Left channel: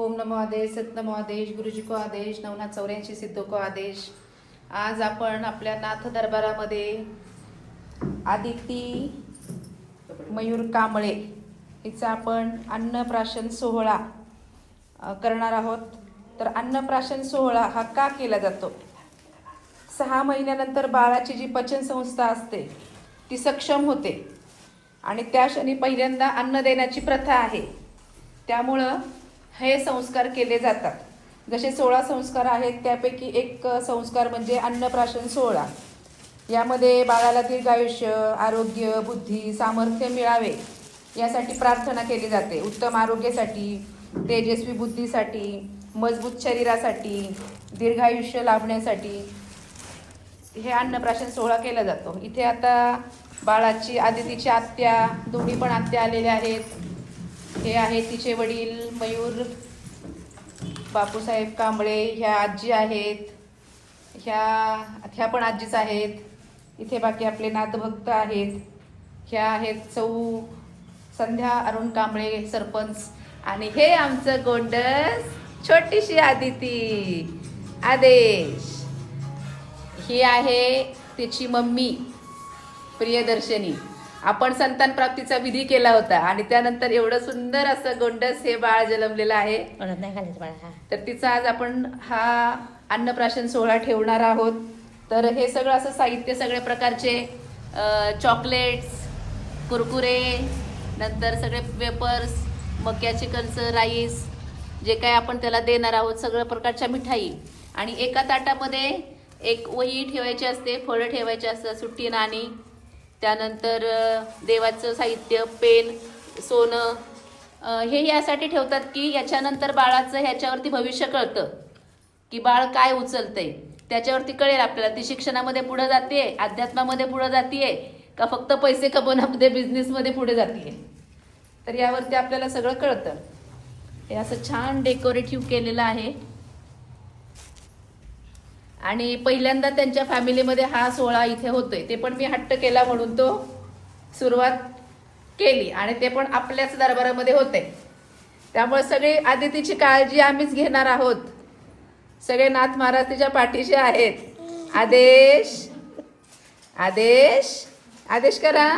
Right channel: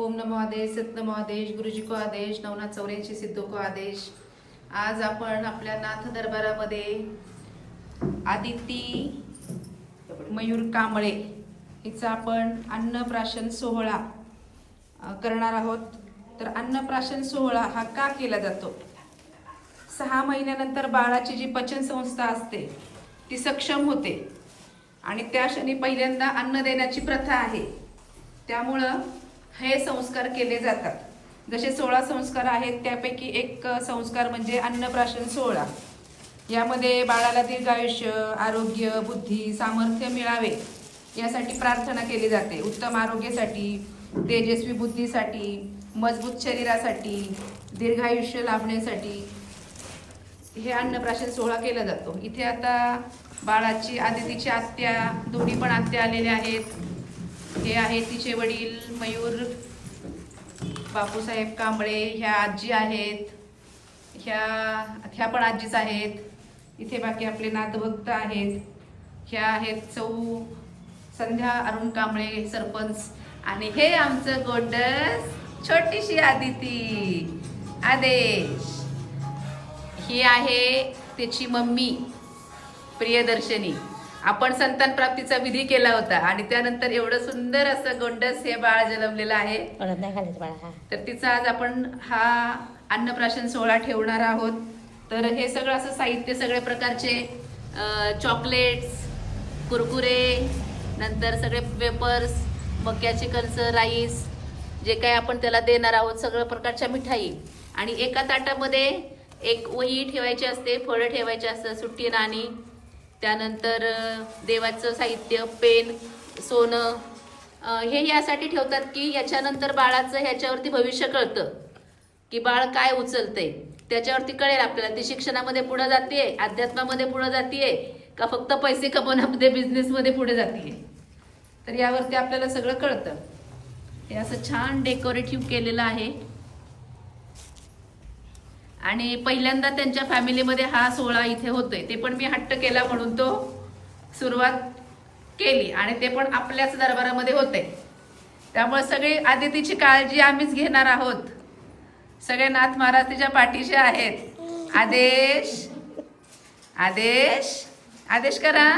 ओम नमो आदेश, सत नमो आदेश, गुरुजी को आदेश, नवनाथ 84 सिद्धो को आदेश। आज आपण आपल्या नाथ दरबारामध्ये आदिती मयूर कांबळे हिचा आपण अन्नप्राशन सोहळा करणार आहोत। तर अन्नप्राशन सोहळा हा का केला जातो? 6 महिन्यानंतर बाळाची जी पचन संस्था असते ती सक्षम होते आणि त्या क्षणी पहिल्यांदा अन्न देण्याची प्रथा आहे। त्यामुळे हे संस्कार केले जातात। जसे 16 संस्कार आहेत त्यापैकी एक संस्कार म्हणजे अन्नप्राशन सोहळा। यामध्ये बाळाला दीर्घायुष्य, आरोग्य, बुद्धी, सामर्थ्य मिळावे यासाठी प्रार्थना केली जाते। उत्तम आरोग्यासाठी, तेजस्वी बुद्धीसाठी, मजबूत शरीरासाठी, दीर्घायुष्य लाभण्यासाठी हे अन्नप्राशन सोहळा केला जातो। इथे आता बाळाची आदितीची आत्या, दोन्ही पण आत्या आलेल्या आहेत। हे आहे तिचे वडील मयूर बापूसाहेब कांबळे, ह्या आजी आहेत, ह्या पण आजीच आहेत। इथे बाकी आपले नाथभक्त आहेत। ह्या आहेत सौ संध्या अरुण कांबळे सरपंच, आणि हे आमचं गोंडस छोटीशी आदिती आदेश। ही आहे तिची मम्मी प्रियदर्शनी। आपण संतान प्राप्तीचा विधी केला होता आणि त्यानंतर एवढं सुंदर असं गोंडस हे बाळ जन्मलेलं आहे। तर तिचा आज आपण हा अन्नप्राशन सोहळा ठेवणार आहोत। तर हे सगळं असं साहित्य, सगळे प्रकारचे चॉकलेट, कुरकुरे, नंतर सगळे वेपर्स, मक्याचे कणस, राईस, जे काय आपण त्याला देणार आहोत, सगळ्या प्रकारच्या मिठाई। आणि एका ताटामध्ये एक वही ठेवायची असते, फळं ठेवायचे असतात, सुट्टी नाणी, त्यानंतर देवाचं साहित्य, पेन, सोनं। हे यासाठी ठेवतात की याच्यानंतर बाळाचं ह्याच्यावरती भविष्य कळतं की बाळ काय उचलतंय, त्याच्यावरती कळेल आपल्याला ती शिक्षणामध्ये पुढे जाते, अध्यात्मामध्ये पुढे जाते का फक्त पैसे कमवण्यामध्ये, बिझनेसमध्ये पुढे जाते। तर यावरती आपल्याला सगळं कळतं। हे असं छान डेकोरेटिव्ह केलेलं आहे आणि पहिल्यांदा त्यांच्या फॅमिलीमध्ये हा सोहळा इथे होतोय। ते पण मी हट्ट केला म्हणून तो सुरुवात केली आणि ते पण आपल्याच दरबारामध्ये होते। त्यामुळे सगळे आदितीची काळजी आम्हीच घेणार आहोत। सगळे नाथ महाराज तिच्या पाठीशी आहेत। आदेश आदेश आदेश करा।